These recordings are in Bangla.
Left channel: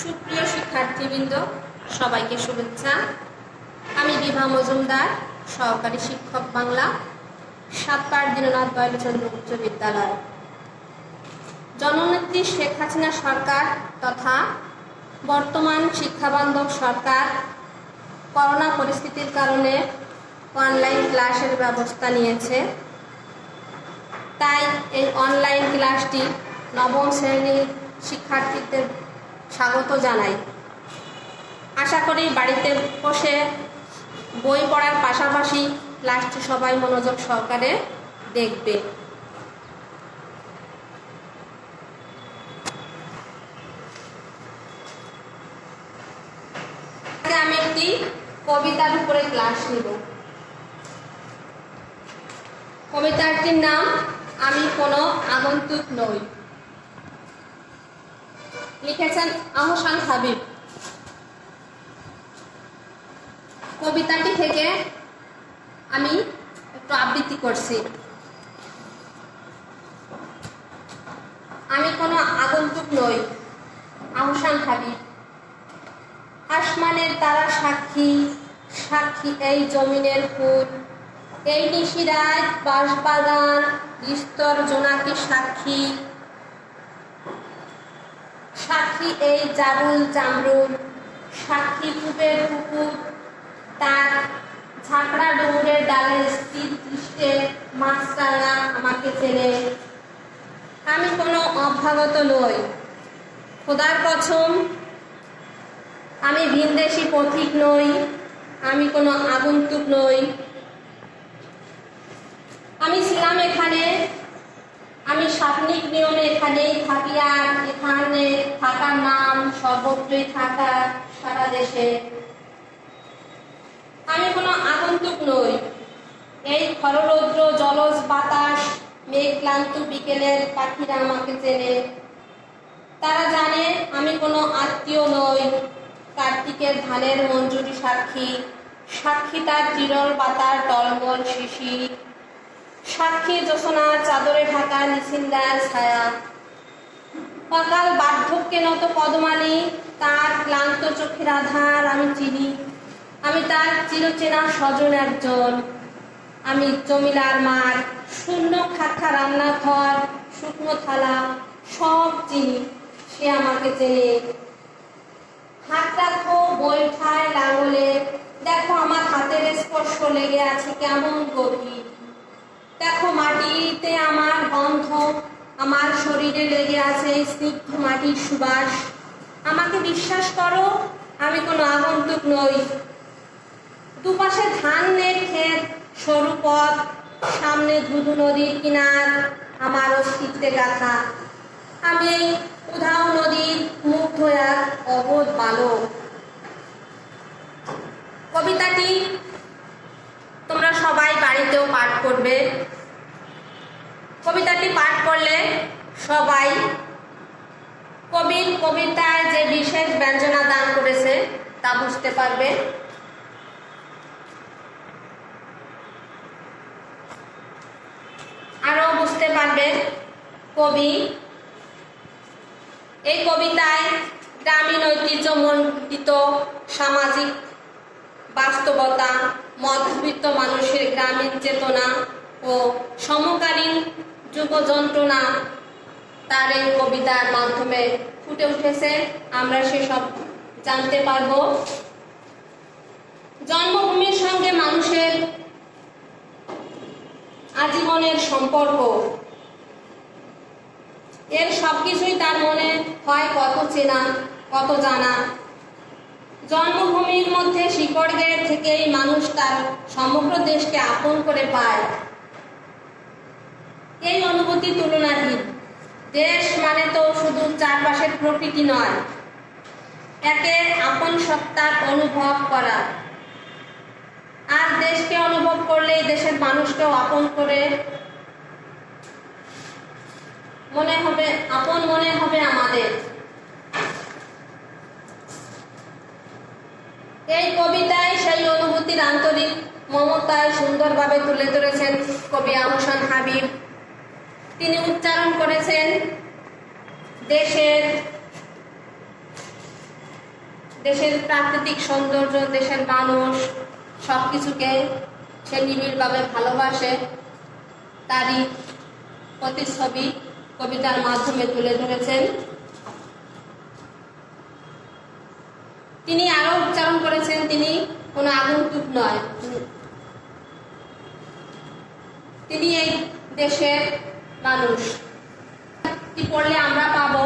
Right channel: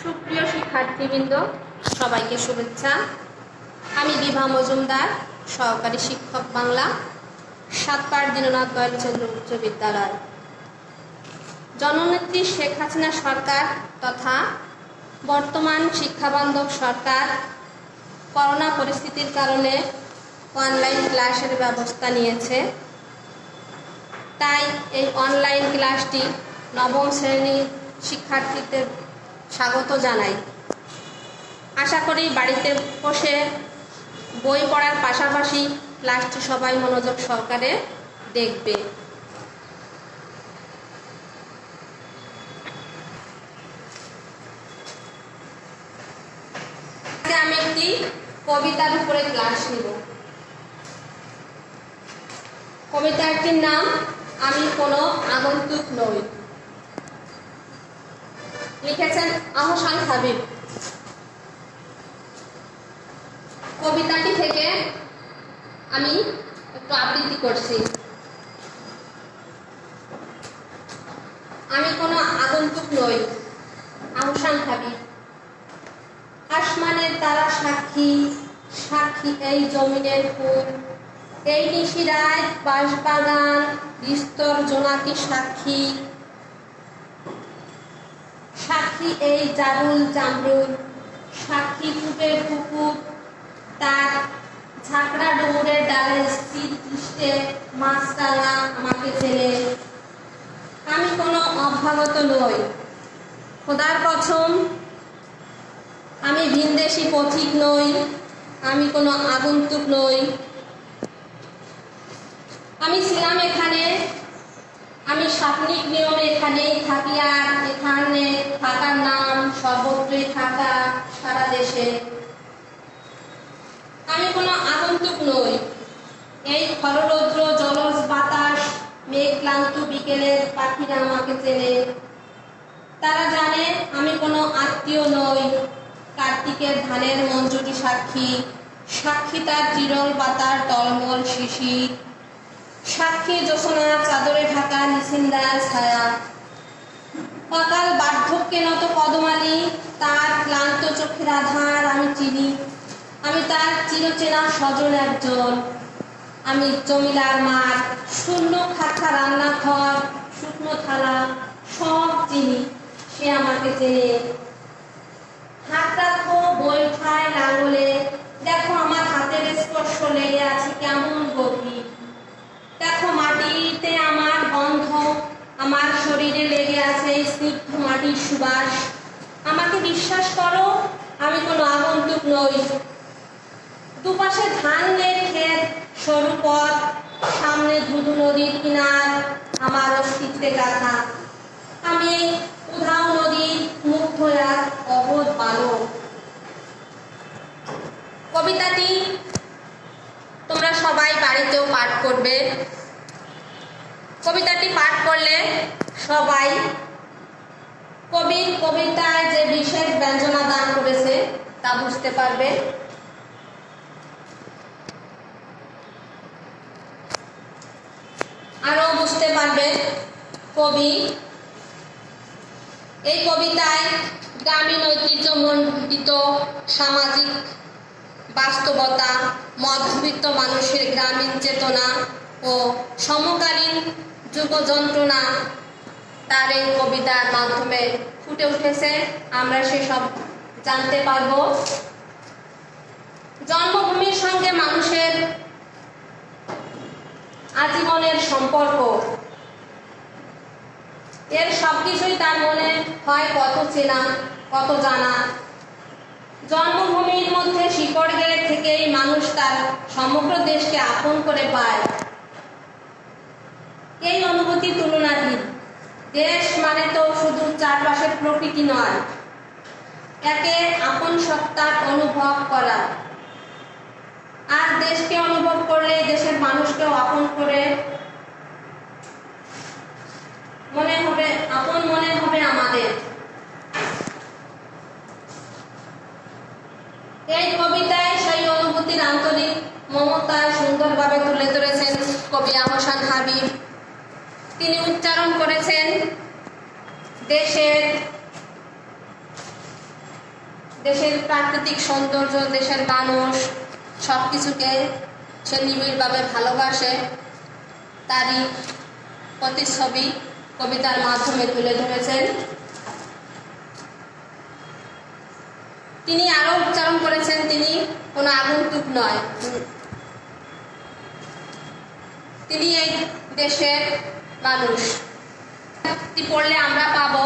সুপ্রিয় শিক্ষার্থীবৃন্দ, সবাইকে শুভেচ্ছা। আমি বিভা মজুমদার, সহকারী শিক্ষক বাংলা, সাতপাড় দীননাথ দয়ালচন্দ্র উচ্চ বিদ্যালয়। জননেত্রী শেখ হাসিনা সরকার তথা বর্তমান শিক্ষাবান্ধব সরকার করোনা পরিস্থিতির কারণে অনলাইন ক্লাসের ব্যবস্থা নিয়েছে। তাই এই অনলাইন ক্লাসটি নবম শ্রেণীর শিক্ষার্থীদের স্বাগত জানাই। আশা করি বাড়িতে বসে বই পড়ার পাশাপাশি ক্লাসটি সবাই মনোযোগ সহকারে দেখবে। আমি একটি কবিতার উপরে ক্লাস নিব। কবিতাটির নাম আমি কোনো আগন্তুক নই, লিখেছেন আহসান হাবিব। কবিতাটি থেকে আমি একটু আবৃত্তি করছি। আমি কোনো আগন্তুক নই, আহসান হাবিব। আসমানের তারা সাক্ষী, সাক্ষী এই জমিনের ফুল, এই নিশিরাত বাঁশবাগান বিস্তর জোনাকি সাক্ষী, সাক্ষী এই জারুল জামরুল, সাক্ষী ধূপের পুকুর, তার ঝাঁকড়া ডুমুরের ডালে স্থির দৃষ্টে মাছরাঙা আমাকে চেনে। আমি কোনো অভ্যাগত নই, খোদার কসম আমি ভিনদেশি পথিক নই, আমি কোনো আগন্তুক নই। আমি ছিলাম এখানে, আমি স্বপ্নিক নিয়মে এখানেই থাকি, আর এখানে থাকার নাম সর্বত্রই থাকা, সারা দেশে। আমি কোনো আগন্তুক নই, এই খররৌদ্র জলজ বাতাস মেঘক্লান্ত বিকেলের পাখিরা আমাকে চেনে। তারা জানে আমি কোনো আত্মীয় নই, কার্তিকের ধানের মঞ্জুরি সাক্ষী, সাক্ষী তার চিরল পাতার টলমল শিশির, সাক্ষী জ্যোৎস্নার চাদরে ঢাকা নিছিন্দার ছায়া। অকাল বার্ধক্যে নত পদমালি, তার ক্লান্ত চোখের আধার আমি চিনি। আমি তার চিরচেনা স্বজন একজন, আমি জমিলার মার, শূন্য খাখা রান্নাঘর, শুকনো থালা সব চিনি, সে আমাকে চেনে। হাত রাখো বই খায় লাঙলে, দেখো আমার হাতের স্পর্শ লেগে আছে কেমন গভীর। দেখো মাটিতে আমার গন্ধ, আমার শরীরে লেগে আছে স্নিগ্ধ মাটির সুবাস। আমাকে বিশ্বাস করো, আমি কোনো আগন্তুক নই। দুপাশে ধানের ক্ষেত, সরু পথ, সামনে ধুধু নদীর কিনার, আমার অস্তিত্বে গাথা। আমি এই উধাও নদীর মুগ্ধ এক অবোধ বালক। কবিতাটি তোমরা সবাই বাড়িতেও পাঠ করবে। কবিতাটি পাঠ করলে সবাই কবির কবিতায় যে বিশেষ ব্যঞ্জনা দান করেছে তা বুঝতে পারবে। আরো বুঝতে পারবে কবি এই কবিতায় গ্রামীণ ঐতিহ্যমণ্ডিত সামাজিক বাস্তবতা, মধ্যবিত্ত মানুষের গ্রামীণ চেতনা ও সমকালীন যুগ যন্ত্রণা তার এই কবিতার মাধ্যমে ফুটে উঠেছে। আমরা সেসব জানতে পারব। জন্মভূমির সঙ্গে মানুষের আজীবনের সম্পর্ক, এর সবকিছুই তার মনে হয় কত চেনা, কত জানা। জন্মভূমির মধ্যে শিকড় গেড়ে থেকেই মানুষ তার সমগ্র দেশকে আপন করে পায়। এই অনুভূতি তুলনাহীন। দেশ মানে তো শুধু চারপাশের প্রকৃতি নয়, একে আপন সত্তা অনুভব করা। আর দেশকে অনুভব করলে দেশের মানুষকেও আপন করে মনে হবে, আপন মনে হবে আমাদের। এই কবিতায় সেই অনুভূতির আন্তরিক মমতায় সুন্দরভাবে তুলে ধরেছেন কবি আহসান হাবিব। তিনি উচ্চারণ করেছেন দেশের দেশের প্রাকৃতিক সৌন্দর্য, দেশের মানুষ, সব কিছুকে সে নিবিড়ভাবে ভালোবাসে, তারই প্রতিচ্ছবি কবিতার মাধ্যমে তুলে ধরেছেন। তিনি আরো উচ্চারণ করেছেন, তিনি কোনো আগন্তুক নয়, তিনি এই দেশের মানুষ। পড়লে আমরা পাবো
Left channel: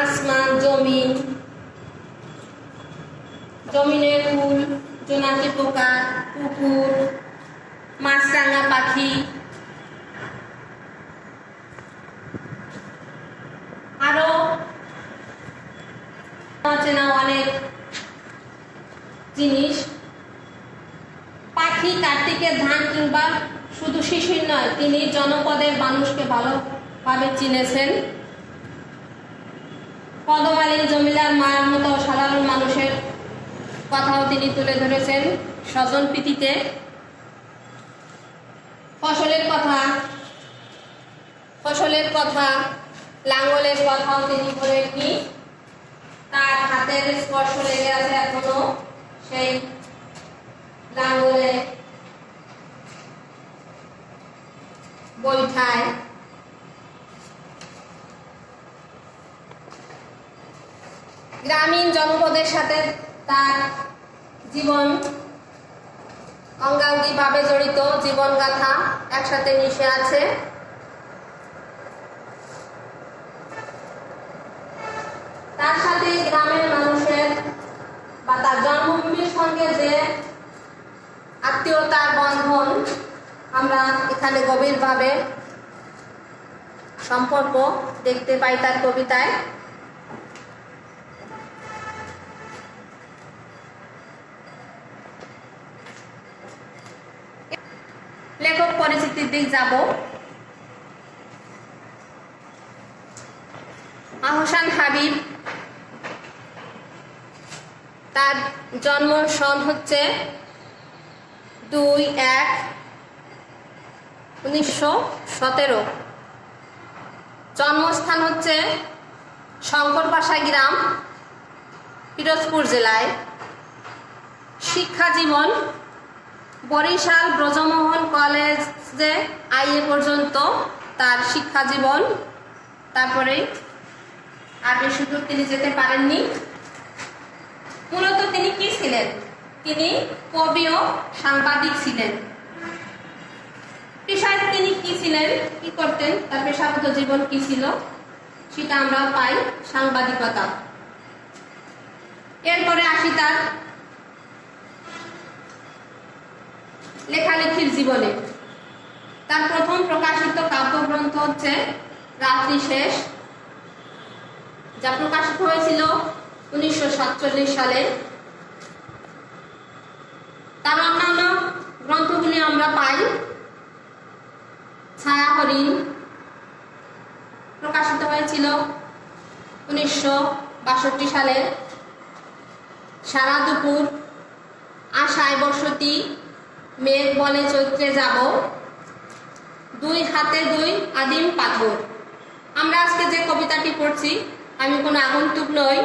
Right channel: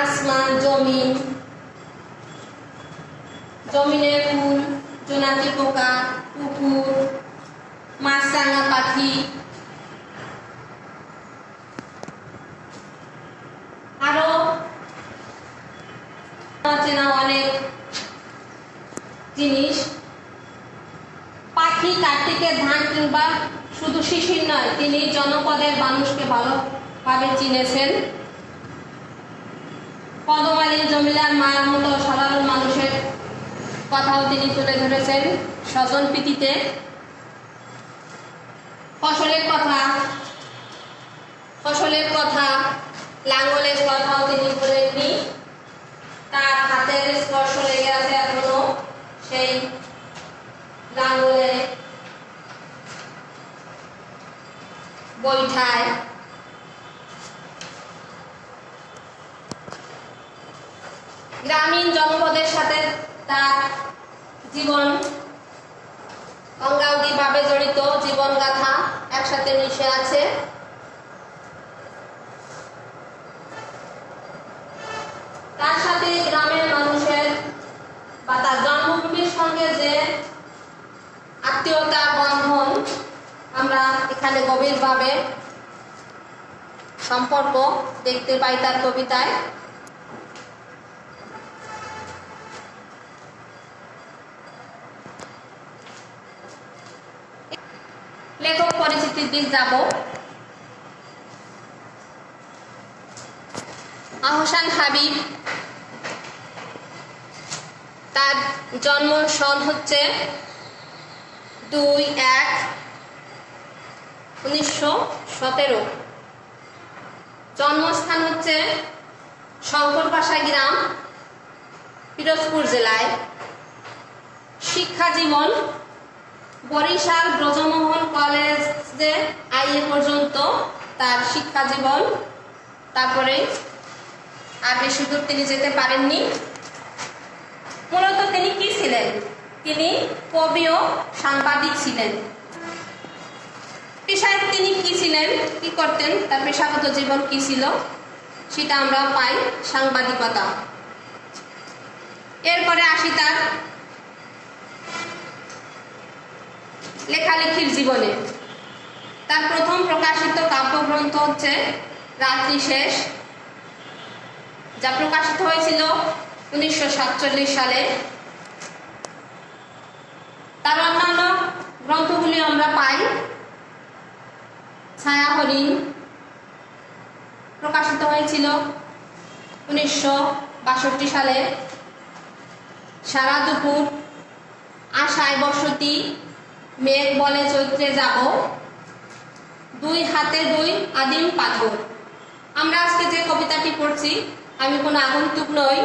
আসমান, জমিন, জমিনের ফুল, জোনাকি পোকা, পুকুর, মাছরাঙা পাখি, আরো অচেনা অনেক জিনিস। পাখি কার্তিকের ধান কিংবা শুধু শিশির নয়, তিনি জনপদের মানুষকে ভালোভাবে চিনেছেন। পদমালী জমিলার মায়ের মতো সাধারণ মানুষের কথাও তিনি তুলে ধরেছেন স্বজন প্রীতিতে। ফসলের কথা, লাঙ্গলের কথাও তিনি বলেননি। তার হাতের স্পর্শ লেগে আছে এখনো সেই লাঙ্গলে, বৈঠায়। গ্রামীণ জনপদের সাথে তার জীবন অঙ্গাঙ্গিভাবে জড়িত, জীবনগাথা একসাথে মিশে আছে। তার সাথে গ্রামের মানুষের বা তার জন্মভূমির সঙ্গে যে আত্মীয়তার বন্ধন আমরা এখানে গভীরভাবে সম্পর্ক দেখতে পাই তার কবিতায়। লেখক পরিচিতির দিক যাব। আহসান হাবিব, তার জন্ম সন হচ্ছে 2/1/1917। জন্মস্থান হচ্ছে শঙ্করপাশা গ্রাম, পিরোজপুর জেলায়। শিক্ষা জীবন বরিশাল ব্রজমোহন কলেজে আইএ পর্যন্ত তার শিক্ষা জীবন। তারপরে আর বেশি দূর তিনি যেতে পারেননি। মূলত তিনি কি ছিলেন? তিনি কবি ও সাংবাদিক ছিলেন। পেশায় তিনি কি ছিলেন, কি করতেন, তার পেশাগত জীবন কি ছিল সেটা আমরা পাই সাংবাদিকতা। এরপরে আসি তার লেখালেখির জীবনে। তার প্রথম প্রকাশিত কাব্যগ্রন্থ হচ্ছে রাত্রি শেষ, যা প্রকাশিত হয়েছিল 1947 সালে। তার অন্যান্য গ্রন্থগুলি আমরা পাই ছায়া হরিণ, প্রকাশিত হয়েছিল 1962 সালে। সারা দুপুর, আশায় বসতি, মেঘ বলে চৈত্রে যাব, 2 হাতে 2 আদিম পাথর। আমরা আজকে যে কবিতাটি পড়ছি, আমি কোনো আগন্তুক নই,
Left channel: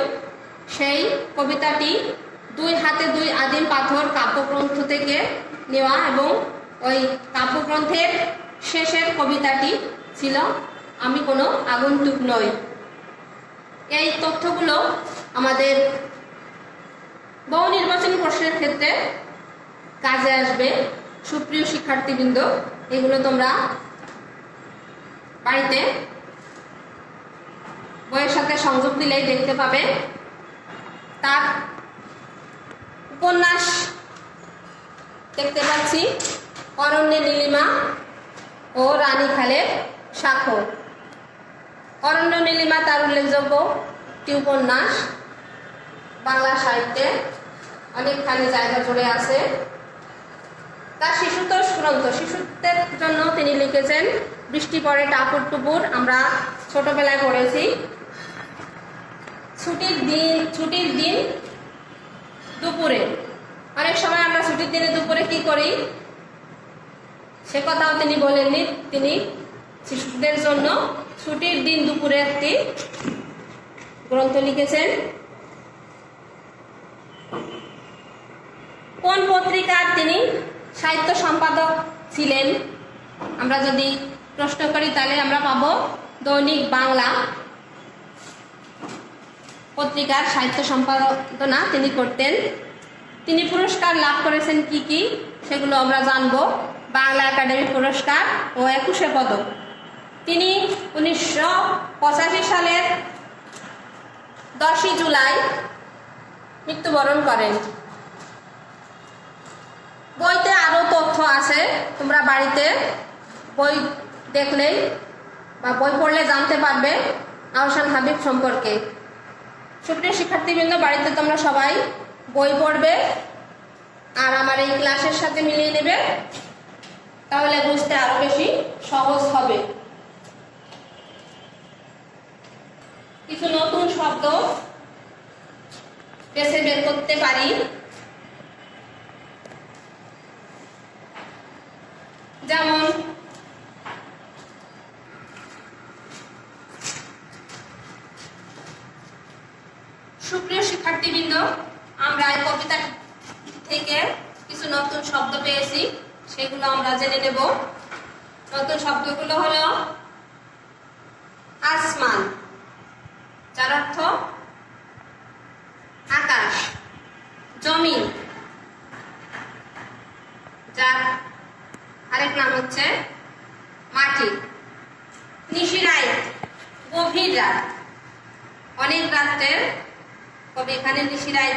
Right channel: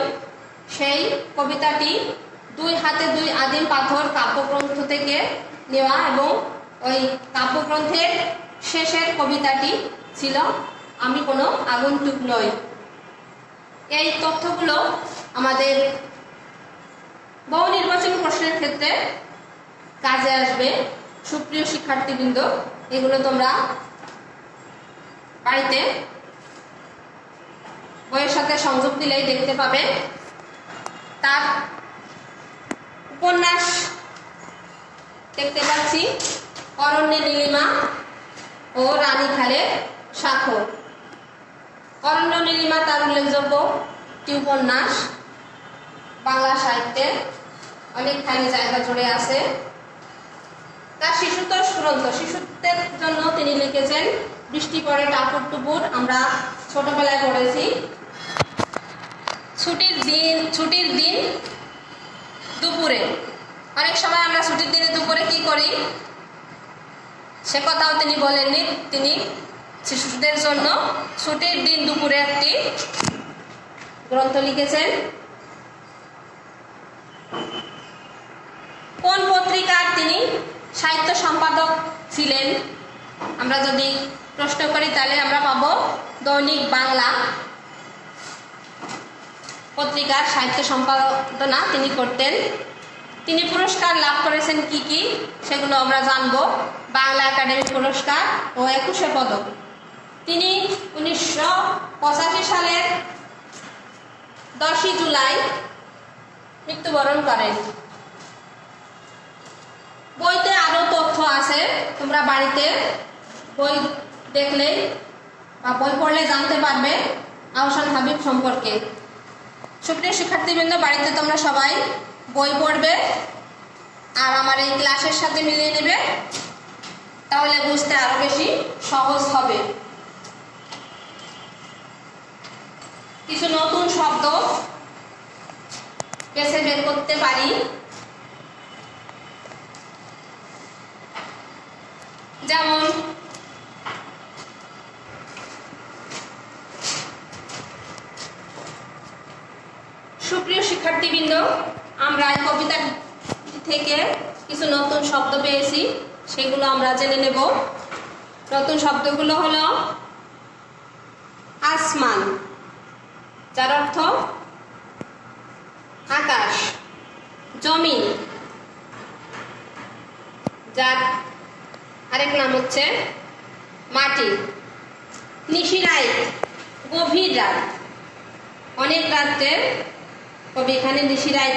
সেই কবিতাটি 2 হাতে 2 আদিম পাথর কাব্যগ্রন্থ থেকে নেওয়া, এবং ওই কাব্যগ্রন্থের শেষের কবিতাটি ছিল আমি কোনো আগন্তুক নই। এই তথ্যগুলো আমাদের বহু নির্বাচনী প্রশ্নের ক্ষেত্রে কাজে আসবে। সুপ্রিয় শিক্ষার্থীবৃন্দ, এগুলো তোমরা বাড়িতে বইয়ের সাথে সংযোগ দিলেই দেখতে পাবে। তার উপন্যাস দেখতে পাচ্ছি অরণ্যে নীলিমা ও রানীখালের স্বাক্ষর। অরণ্য নীলিমা তার উল্লেখযোগ্য একটি উপন্যাস, বাংলা সাহিত্যে অনেকখানি জায়গা জুড়ে আছে। তার শিশুতোষ গ্রন্থ, শিশুত্বের জন্য তিনি লিখেছেন বৃষ্টি পড়ে টাপুর টুপুর, আমরা ছোটবেলায় পড়েছি। ছুটির দিন দুপুরে, অনেক সময় আমরা ছুটির দিনে দুপুরে কি করি সে কথাও তিনি বলেননি। তিনি শিশুদের জন্য ছুটির দিন দুপুরে একটি গ্রন্থ লিখেছেন। কোন পত্রিকার তিনি সাহিত্য সম্পাদক ছিলেন? আমরা যদি প্রশ্ন করি তাহলে আমরা পাবো দৈনিক বাংলা পত্রিকার সাহিত্য সম্পাদনা তিনি করতেন। তিনি পুরস্কার লাভ করেছেন কি কি সেগুলো আমরা জানবো। বাংলা একাডেমি পুরস্কার ও 21শে পদক। তিনি 1985 সালের 10ই জুলাই মৃত্যুবরণ করেন। বইতে আরো তথ্য আছে, তোমরা বাড়িতে বই দেখলেই বা বই পড়লে জানতে পারবে আহসান হাবিব সম্পর্কে। সুপ্রিয় শিক্ষার্থীবৃন্দ, বাড়িতে তোমরা সবাই বই পড়বে আর আমার এই ক্লাসের সাথে মিলিয়ে নেবে, তাহলে বুঝতে আরো বেশি সহজ হবে। কিছু নতুন শব্দ বেছে বের করতে পারি। যেমন সুপ্রিয় শিক্ষার্থীবৃন্দ, আমরা এই কবিতা থেকে কিছু নতুন শব্দ পেয়েছি, সেগুলো আমরা জেনে নেব। নতুন শব্দগুলো হলো আসমান, যার অর্থ আকাশ, জমিন, যার আরেক নাম হচ্ছে মাটি, নিশিরাত, গভীর রাত, অনেক রাত্রের কবি এখানে নিশিরাত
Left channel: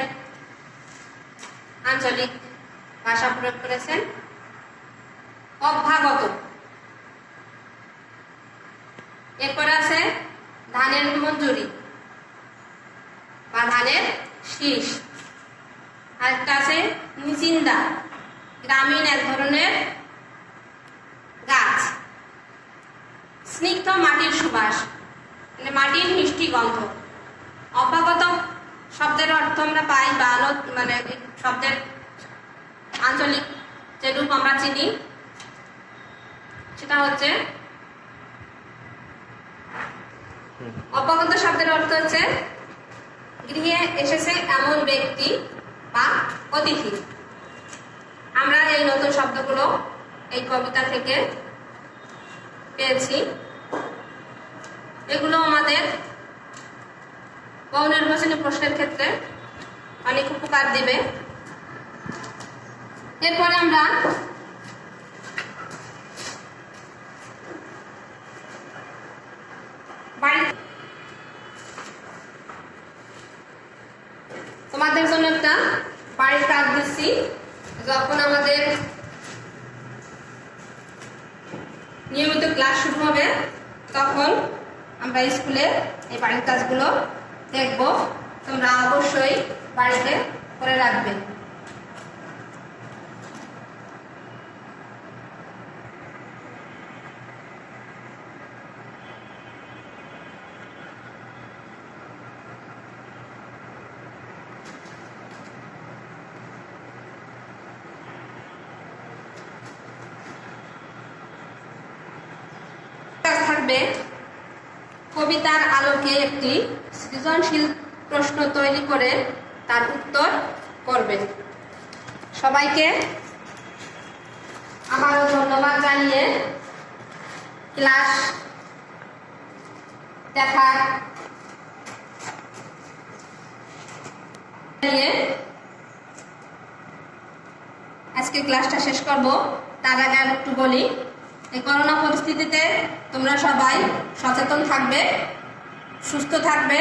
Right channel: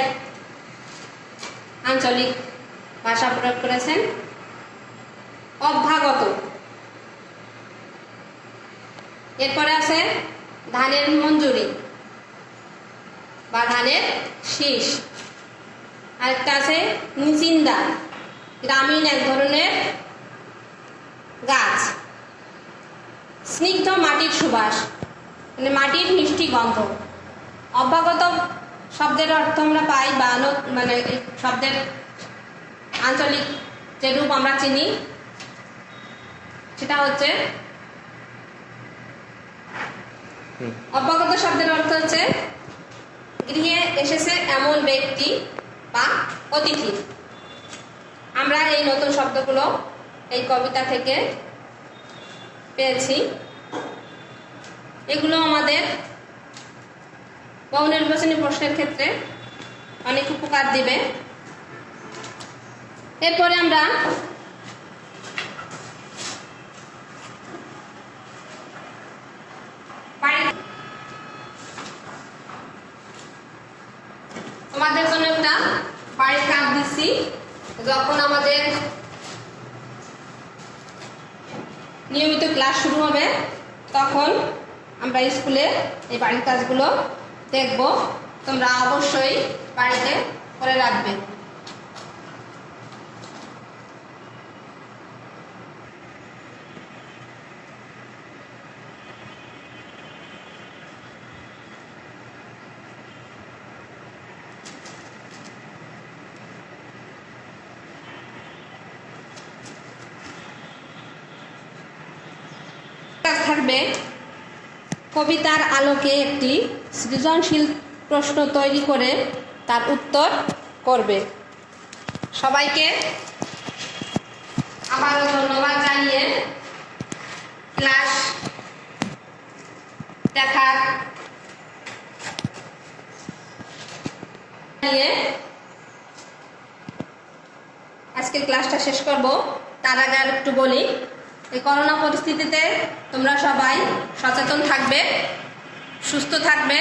আঞ্চলিক ভাষা প্রয়োগ করেছেন। অভ্যাগত, এরপরে আছে ধানের মঞ্জুরি বা ধানের শীষ। আরেকটা আছে নিচিন্দা, গ্রামীণ এক ধরনের গাছ। স্নিগ্ধ মাটির সুবাস, মানে মাটির মিষ্টি গন্ধ। অভ্যাগত শব্দের অর্থ আমরা পাই বা মানে শব্দের আঞ্চলিক যে রূপ আমরা চিনি সেটা হচ্ছে, অভ্যাগত শব্দের অর্থ হচ্ছে গৃহে এসেছে এমন ব্যক্তি বা অতিথি। আমরা এই নতুন শব্দগুলো এই কবিতা থেকে পেয়েছি। এগুলো আমাদের বহু নির্বাচনী প্রশ্নের ক্ষেত্রে অনেক উপকার দিবে। এরপরে আমরা তোমাদের জন্য একটা বাড়ির কাজ দিচ্ছি। যখন আমাদের নিয়মিত ক্লাস শুরু হবে তখন আমরা স্কুলে এই বাড়ির কাজগুলো দেখব। তোমরা অবশ্যই বাড়িতে করে রাখবে। থাকবে কবিতার আলোকে একটি সৃজনশীল প্রশ্ন তৈরি করে তার উত্তর করবে। সবাইকে আবারও ধন্যবাদ জানিয়ে ক্লাস দেখার আজকে ক্লাসটা শেষ করব। তার আগে আর একটু বলি, এই করোনা পরিস্থিতিতে তোমরা সবাই সচেতন থাকবে, সুস্থ থাকবে,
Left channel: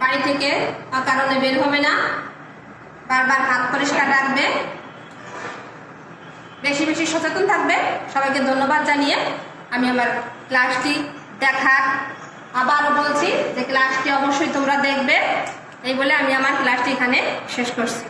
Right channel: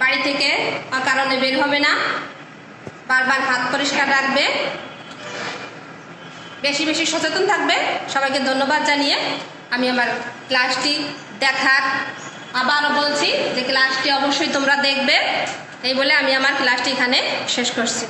বাড়ি থেকে অকারণে বের হবে না, বারবার হাত পরিষ্কার রাখবে, বেশি বেশি সচেতন থাকবে। সবাইকে ধন্যবাদ জানিয়ে আমি আমার ক্লাসটি দেখার আবারও বলছি যে ক্লাসটি অবশ্যই তোমরা দেখবে। এই বলে আমি আমার ক্লাসটি এখানে শেষ করছি।